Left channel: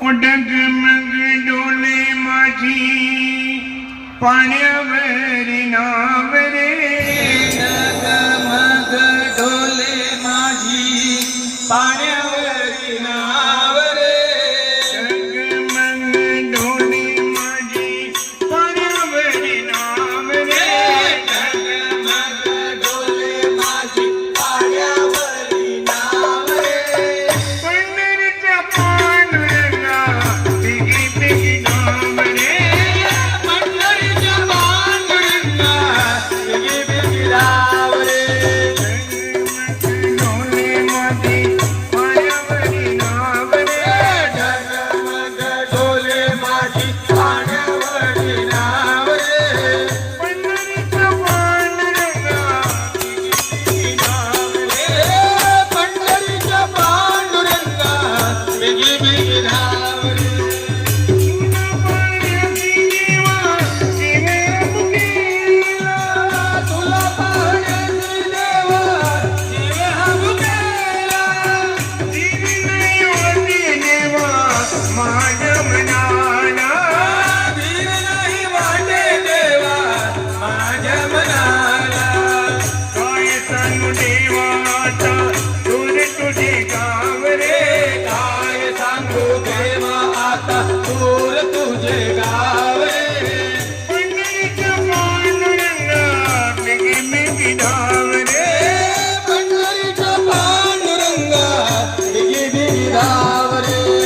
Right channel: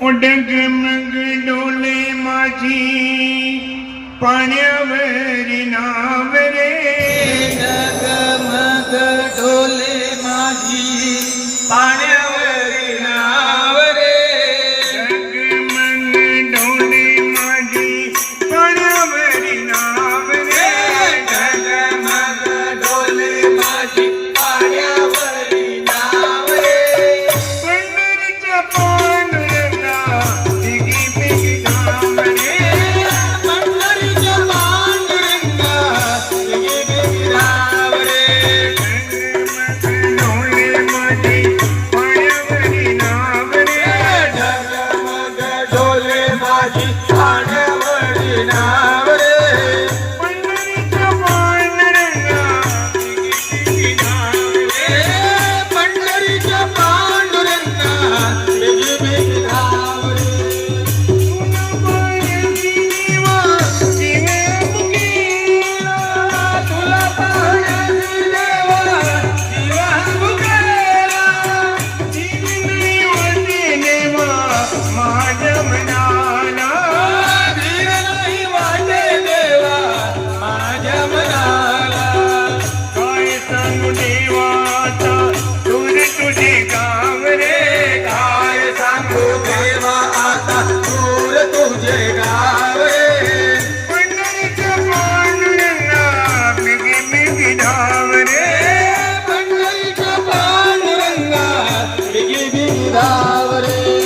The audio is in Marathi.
डगमग डोले माझी पाण्यावर नाव रे. डगमग डोले माझी पाण्यावर नाव रे. डगमग डोले माझी पाण्यावर नाव रे. डगमग डोले माझी पाण्यावर नाव रे. पंढरीच्या पांडुरंगा तिघी पिघी नाव रे. पंढरीच्या पांडुरंगा तिघी पिघी नाव रे. डोले माझी पाण्यावर नाव रे. डगमग डोले माझी पाण्यावर नाव रे. पंढरीच्या पांडुरंगा तिघी पिघी नाव रे. पंढरीच्या पांडुरंगा तिघी पिघी नाव रे. तुला पाहण्याची देवा जीव मुकेला. धीर नाही वाटे देवा माझ्या मनाला. काय सांगू देवा आता दूर तुझे गाव रे. पंढरीच्या पांडुरंगा तिघी बिघी धाव रे.